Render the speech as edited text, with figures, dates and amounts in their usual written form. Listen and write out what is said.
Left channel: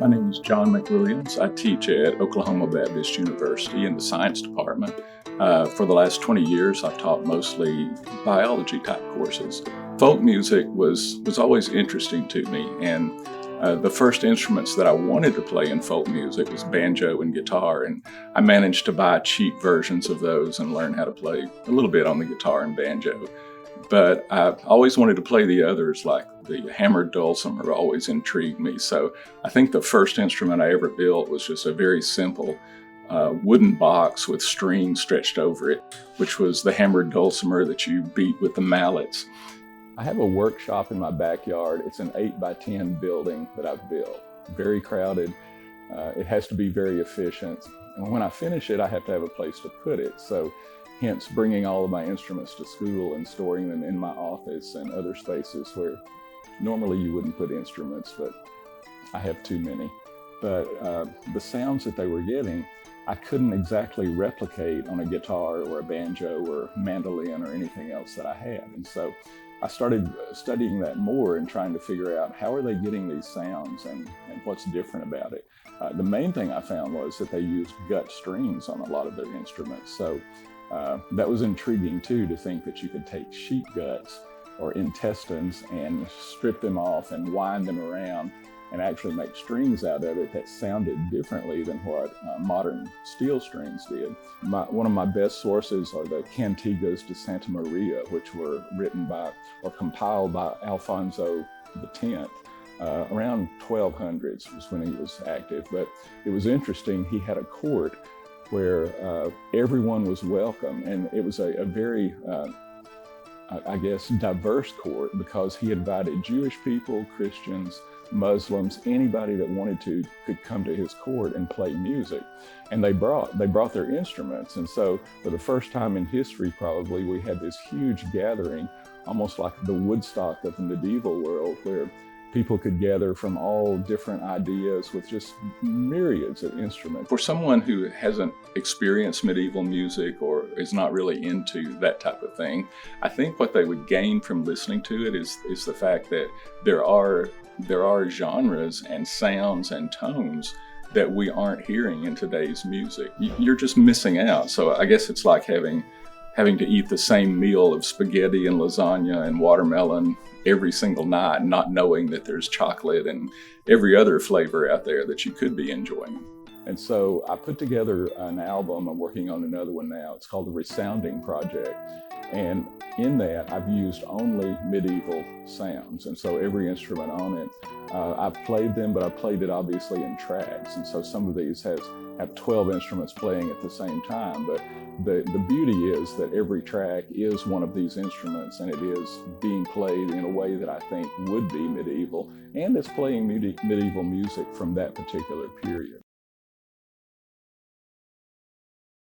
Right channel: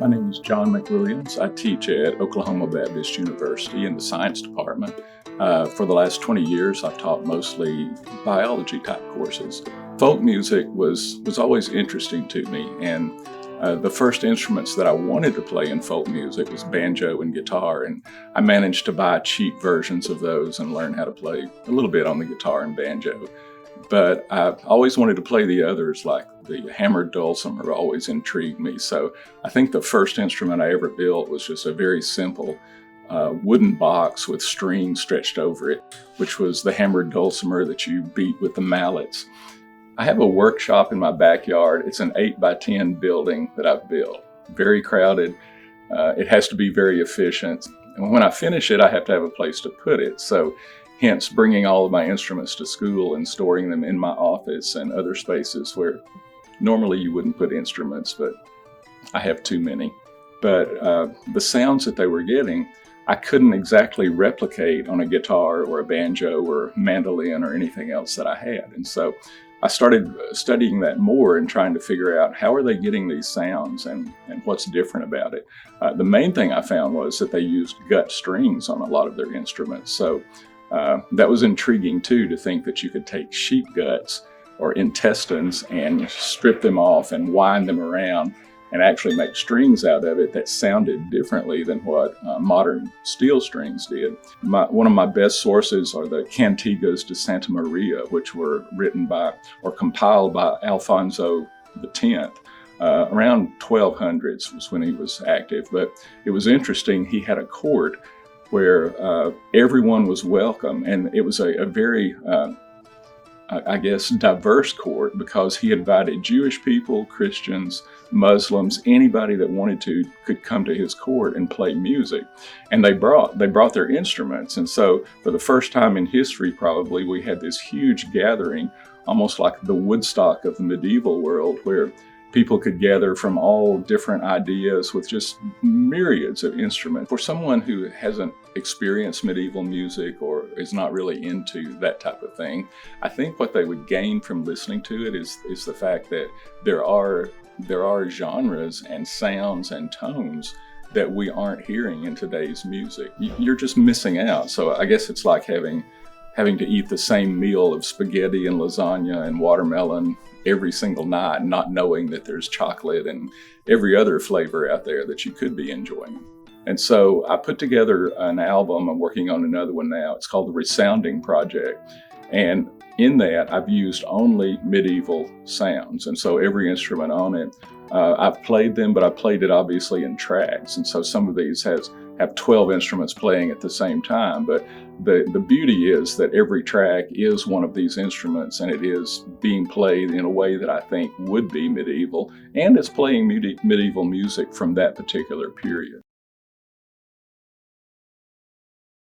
My name is John McWilliams. I teach at Oklahoma Baptist University in the science department. For the last 20 years, I've taught mostly biology type courses. Folk music was always interesting to me, and the first instruments that I wanted to play in folk music was banjo and guitar, and I managed to buy cheap versions of those and learn how to play a little bit on the guitar and banjo. But I always wanted to play the others, like the hammered dulcimer always intrigued me. So I think the first instrument I ever built was just a very simple wooden box with strings stretched over it, which was the hammered dulcimer that you beat with the mallets. I have a workshop in my backyard. It's an 8x10 building that I've built, very crowded. It has to be very efficient. And when I finish it, I have to have a place to put it. So hence bringing all of my instruments to school and storing them in my office and other spaces where normally you wouldn't put instruments, but I have too many. But the sounds that they were getting, I couldn't exactly replicate on a guitar or a banjo or mandolin or anything else that I had. And so I started studying that more and trying to figure out how are they getting these sounds and what's different about it. The main thing I found was that they used gut strings on a lot of their instruments. So that was intriguing too, to think that you could take sheep guts or intestines and strip them off and wind them around and actually make strings out of it that sounded differently than what modern steel strings did. One of my best sources are the Cantigas de Santa Maria, which were written by or compiled by Alfonso X. Around 1200s was when he was active, but it was interesting. He had a court where everyone was welcome, and it was a very I guess, diverse court, because he invited Jewish people, Christians, Muslims, anybody that wanted to could come to his court and play music. And they brought their instruments. And so for the first time in history, probably, we had this huge gathering, almost like the Woodstock of the medieval world, where people could gather from all different ideas with just myriads of instruments. For someone who hasn't experienced medieval music or is not really into that type of thing, I think what they would gain from listening to it is the fact that there are genres and sounds and tones that we aren't hearing in today's music. You're just missing out. So I guess it's like having to eat the same meal of spaghetti and lasagna and watermelon every single night, not knowing that there's chocolate and every other flavor out there that you could be enjoying. And so I put together an album. I'm working on another one now. It's called the Resounding Project. And in that, I've used only medieval sounds. And so every instrument on it, I've played them, but I played it obviously in tracks. And so some of these have 12 instruments playing at the same time. But the beauty is that every track is one of these instruments, and it is being played in a way that I think would be medieval, and it's playing medieval music from that particular period.